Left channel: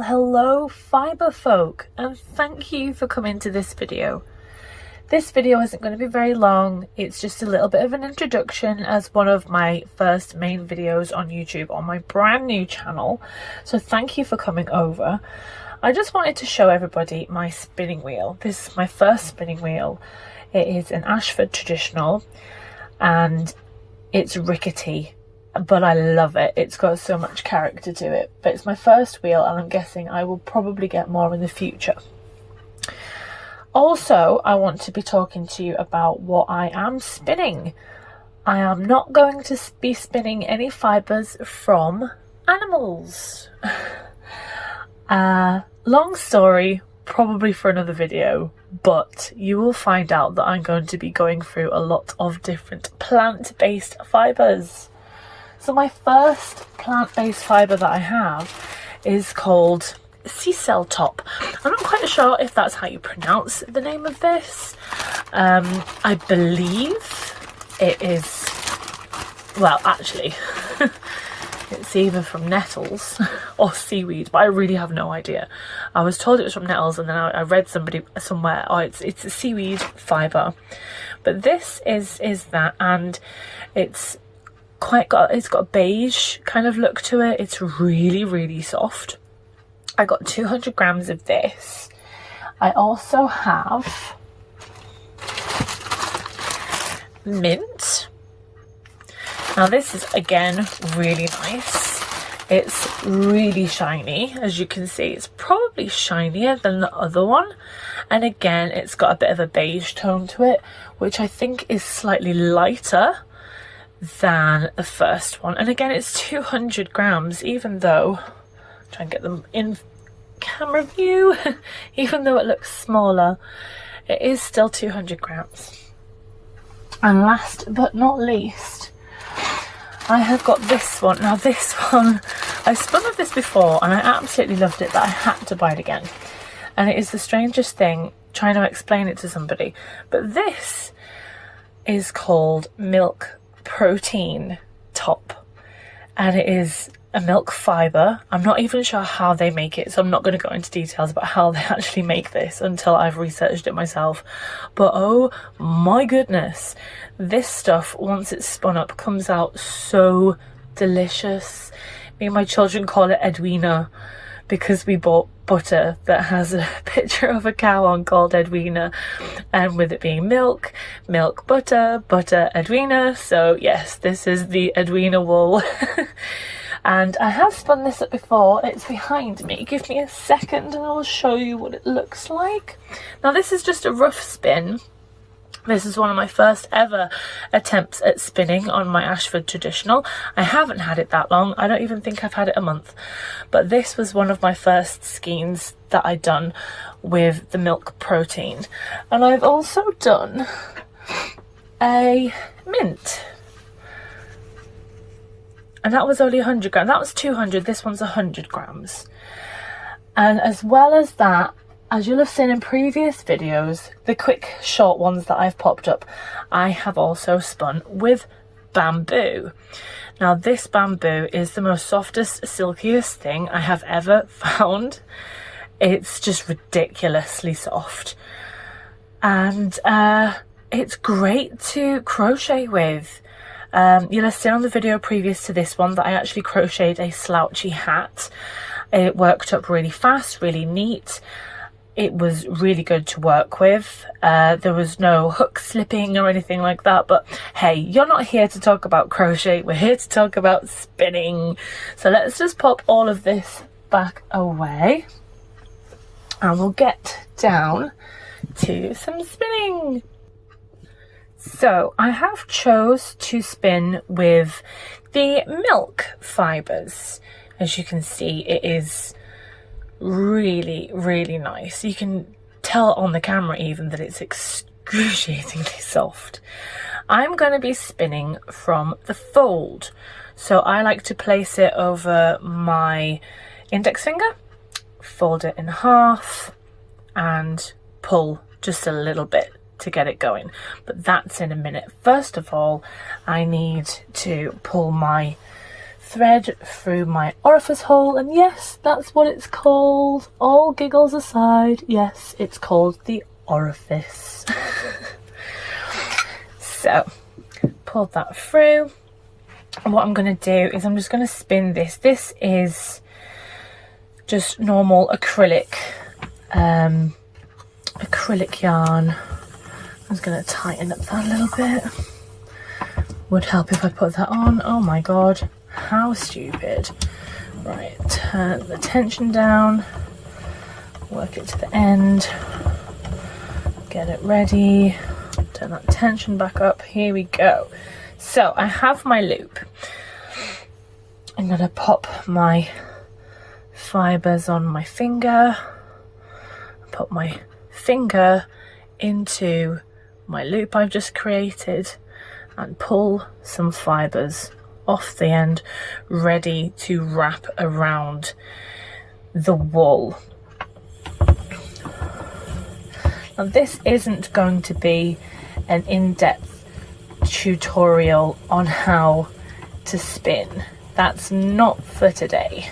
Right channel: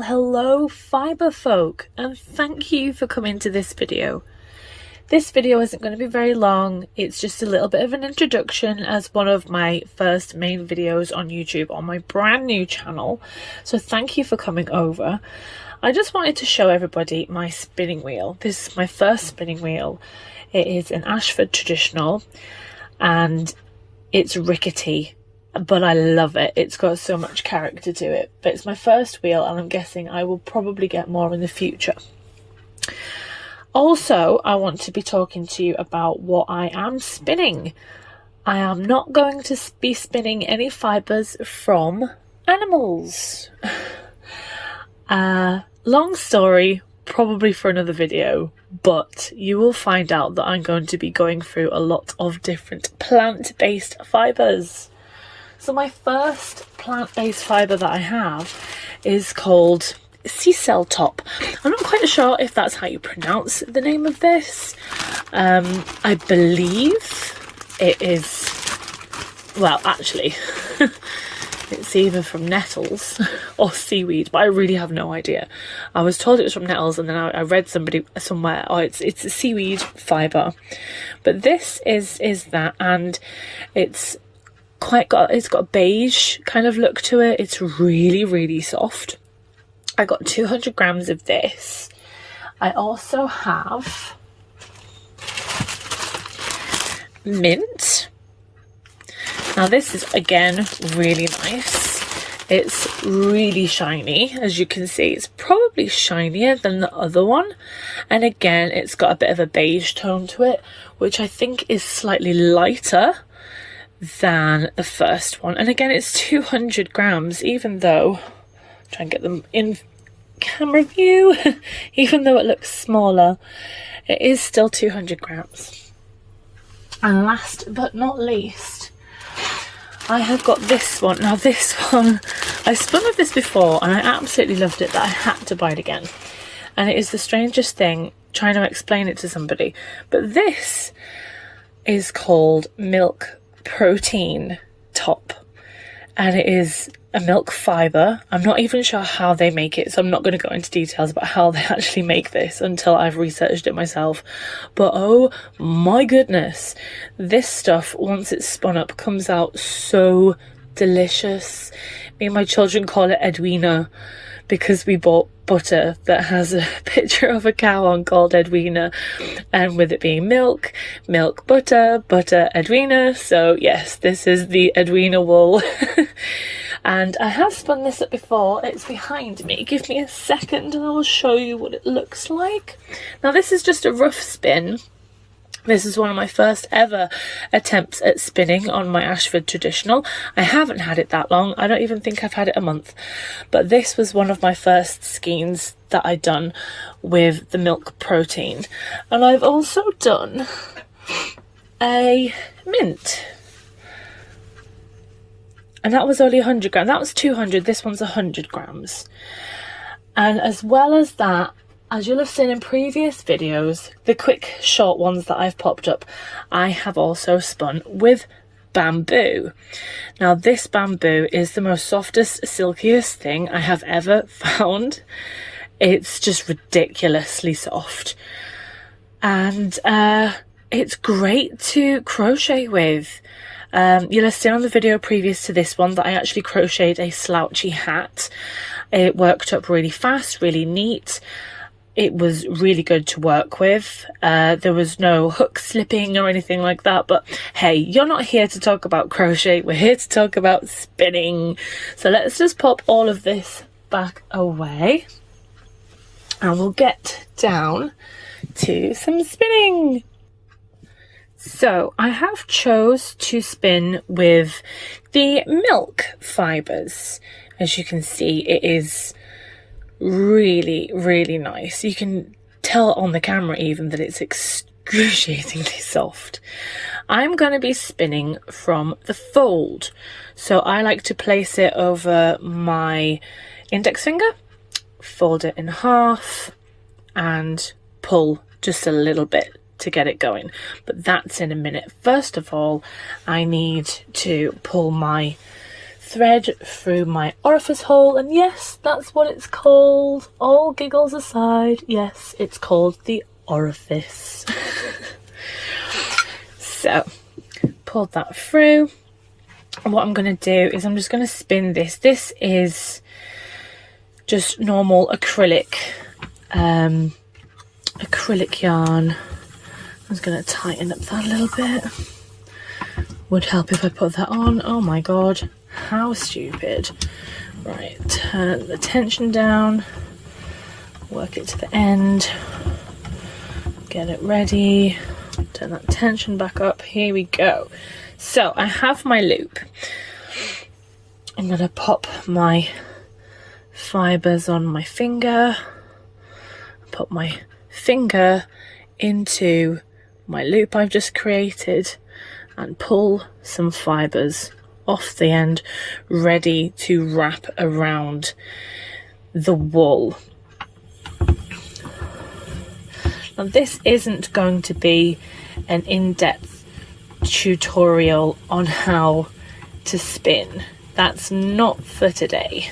Well, hello fibre folk, and thank you for coming to this video. This video isn't going to be very long. It's just a little bit of an introduction as one of my first main videos on YouTube on my brand new channel. So thank you for coming over. I just wanted to show everybody my spinning wheel. This is my first spinning wheel. It is an Ashford traditional and it's rickety, but I love it. It's got so much character to it. But it's my first wheel and I'm guessing I will probably get more in the future. Also, I want to be talking to you about what I am spinning. I am not going to be spinning any fibres from animals. Long story, probably for another video, but you will find out that I'm going to be going through a lot of different plant-based fibres. So my first plant-based fibre that I have is called sea cell top. I'm not quite sure if that's how you pronounce the name of this. I believe it is, well, actually, it's either from nettles or seaweed, but I really have no idea. I was told it was from nettles, and then I read somewhere, oh, it's a seaweed fibre. But this is that, and it's got a beige kind of look to it. It's really soft. I got 200 grams of this. I also have mint. Now this is again really nice. It's really shiny, as you can see. It's probably shinier than the other one, and again it's got a bit of a beige tone to it, which I think is slightly lighter than the first one. And again, it's 200 grams, even though, try and get them in camera view, even though it looks smaller, it is still 200 grams. And last but not least, I have got this one. Now this one, I spun with this before and I absolutely loved it, that I had to buy it again. And it is the strangest thing trying to explain it to somebody, but this is called Milk Protine top, and it is a milk fibre. I'm not even sure how they make it, so I'm not going to go into details about how they actually make this until I've researched it myself. But oh my goodness, this stuff, once it's spun up, comes out so delicious. Me and my children call it Edwina because we bought butter that has a picture of a cow on called Edwina, and with it being milk, butter, Edwina. So yes, this is the Edwina wool. And I have spun this up before. It's behind me. Give me a second and I'll show you what it looks like. Now this is just a rough spin. This is one of my first ever attempts at spinning on my Ashford traditional. I haven't had it that long. I don't even think I've had it a month. But this was one of my first skeins that I'd done with the Milk Protine. And I've also done a mint. And that was only 100 grams. That was 200. This one's 100 grams. And as well as that, as you'll have seen in previous videos, the quick short ones that I've popped up, I have also spun with bamboo. Now this bamboo is the most softest, silkiest thing I have ever found. It's just ridiculously soft. And it's great to crochet with. You'll have seen on the video previous to this one that I actually crocheted a slouchy hat. It worked up really fast, really neat. It was really good to work with. There was no hook slipping or anything like that, but hey, you're not here to talk about crochet, we're here to talk about spinning. So let's just pop all of this back away and we'll get down to some spinning. So I have chose to spin with the milk fibres. As you can see, it is really nice. You can tell on the camera even that it's excruciatingly soft. I'm going to be spinning from the fold. So I like to place it over my index finger, fold it in half and pull just a little bit to get it going, but that's in a minute. First of all, I need to pull my thread through my orifice hole, and yes, that's what it's called. All giggles aside, yes, it's called the orifice. So, pulled that through. And what I'm going to do is I'm just going to spin this. This is just normal acrylic yarn. I'm just going to tighten up that a little bit. Would help if I put that on. Oh my god, how stupid. Right, turn the tension down, work it to the end, get it ready, turn that tension back up. Here we go. So I have my loop. I'm going to pop my fibres on my finger, put my finger into my loop I've just created, and pull some fibres off the end, ready to wrap around the wool. Now this isn't going to be an in-depth tutorial on how to spin. That's not for today.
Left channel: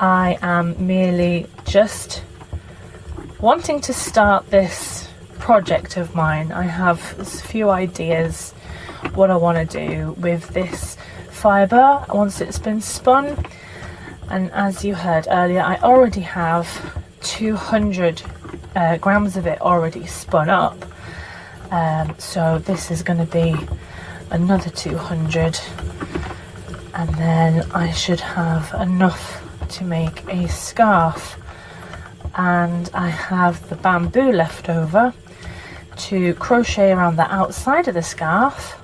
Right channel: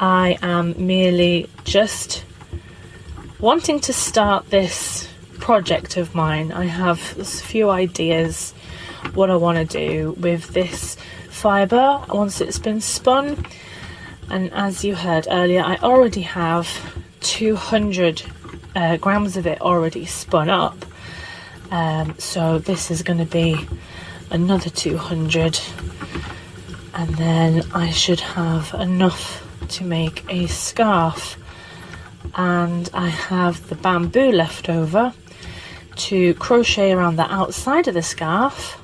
I am merely just wanting to start this project of mine. I have a few ideas what I want to do with this fibre once it's been spun, and as you heard earlier, I already have 200 grams of it already spun up, so this is going to be another 200, and then I should have enough to make a scarf. And I have the bamboo left over to crochet around the outside of the scarf,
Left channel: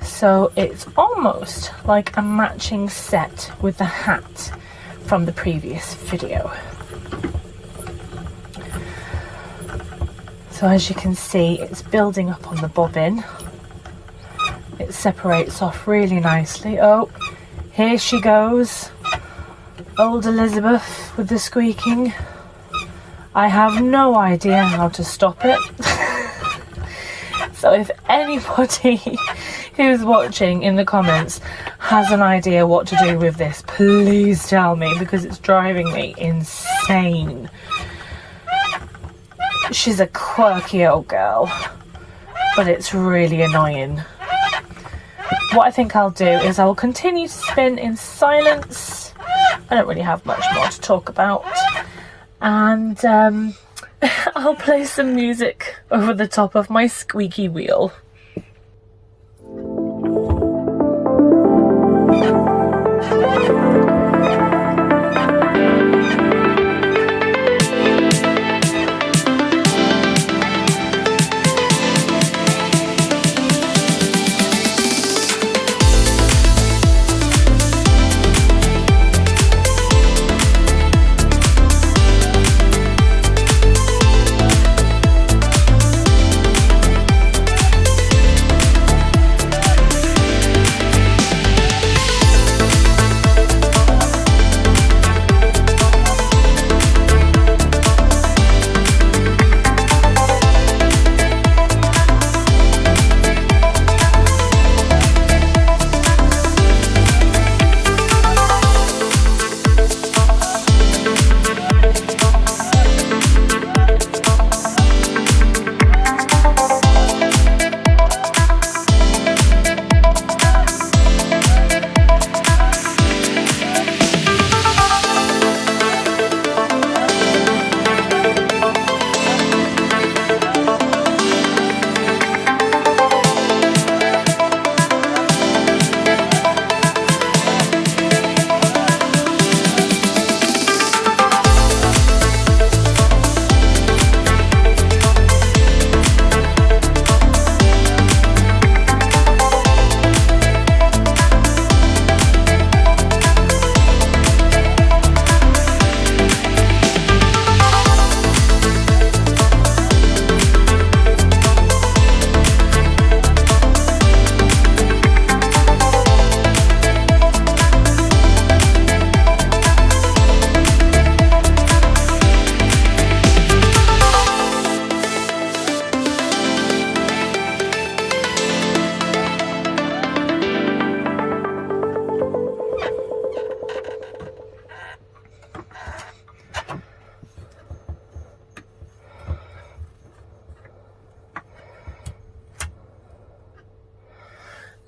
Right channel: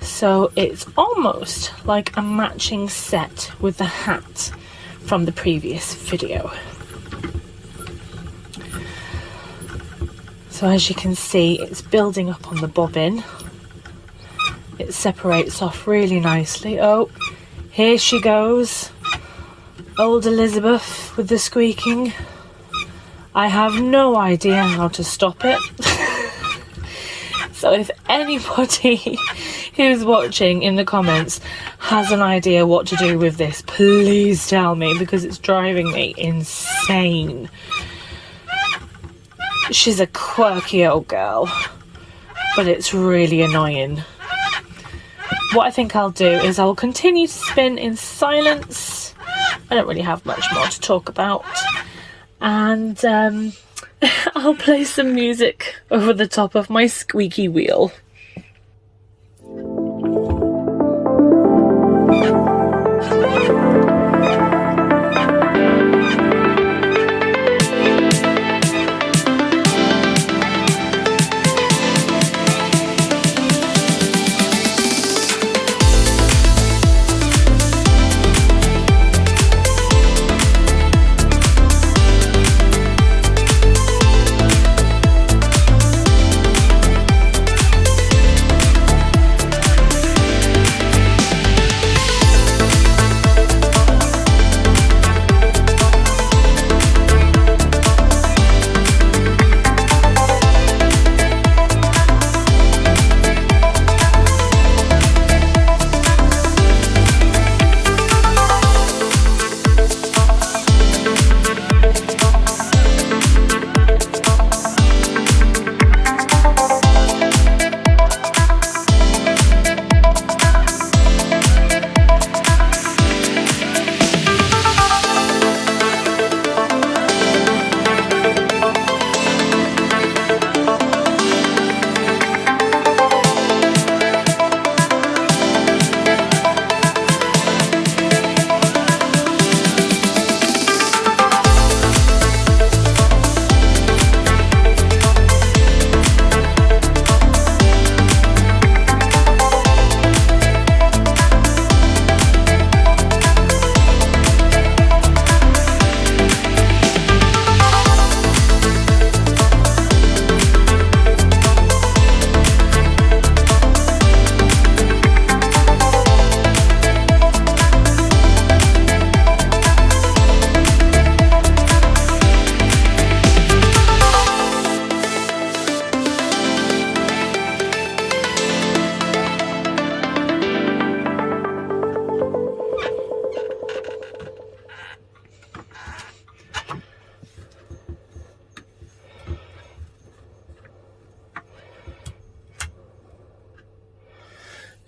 so it's almost like a matching set with the hat from the previous video. So as you can see, it's building up on the bobbin. It separates off really nicely. Oh, here she goes, old Elizabeth with the squeaking. I have no idea how to stop it. So if anybody who's watching in the comments has an idea what to do with this, please tell me, because it's driving me insane. She's a quirky old girl, but it's really annoying. What I think I'll do is I'll continue to spin in silence. I don't really have much more to talk about. And I'll play some music over the top of my squeaky wheel.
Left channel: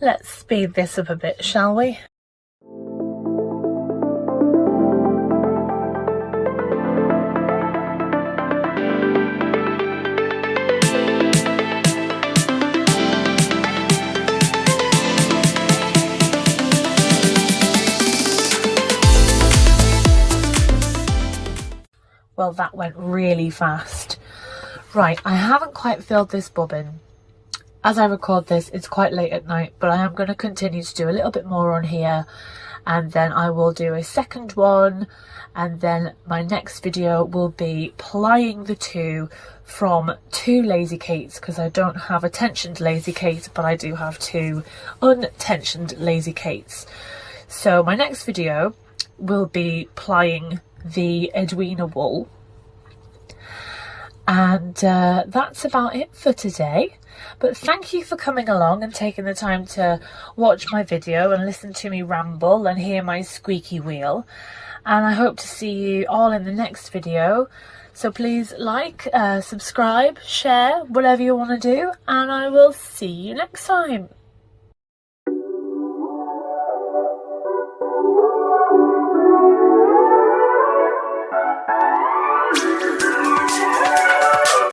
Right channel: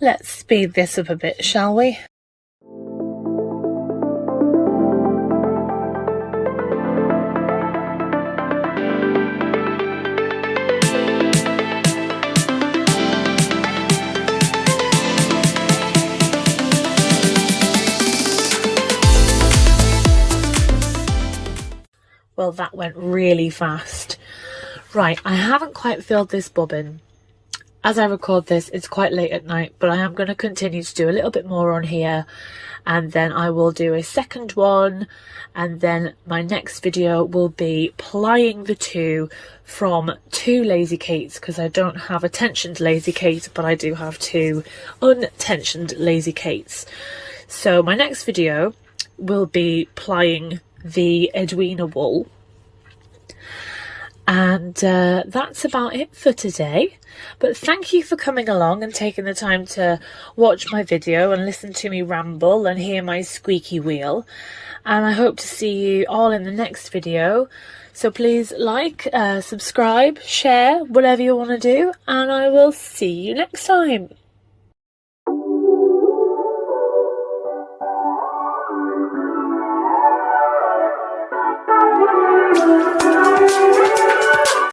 Let's speed this up a bit, shall we? Well, that went really fast. Right, I haven't quite filled this bobbin. As I record this, it's quite late at night, but I am going to continue to do a little bit more on here, and then I will do a second one, and then my next video will be plying the two from 2 Lazy Kates, because I don't have a tensioned Lazy Kate, but I do have 2 untensioned Lazy Kates. So my next video will be plying the Edwina wool, and that's about it for today. But thank you for coming along and taking the time to watch my video and listen to me ramble and hear my squeaky wheel, and I hope to see you all in the next video. So please like, subscribe, share, whatever you want to do, and I will see you next time.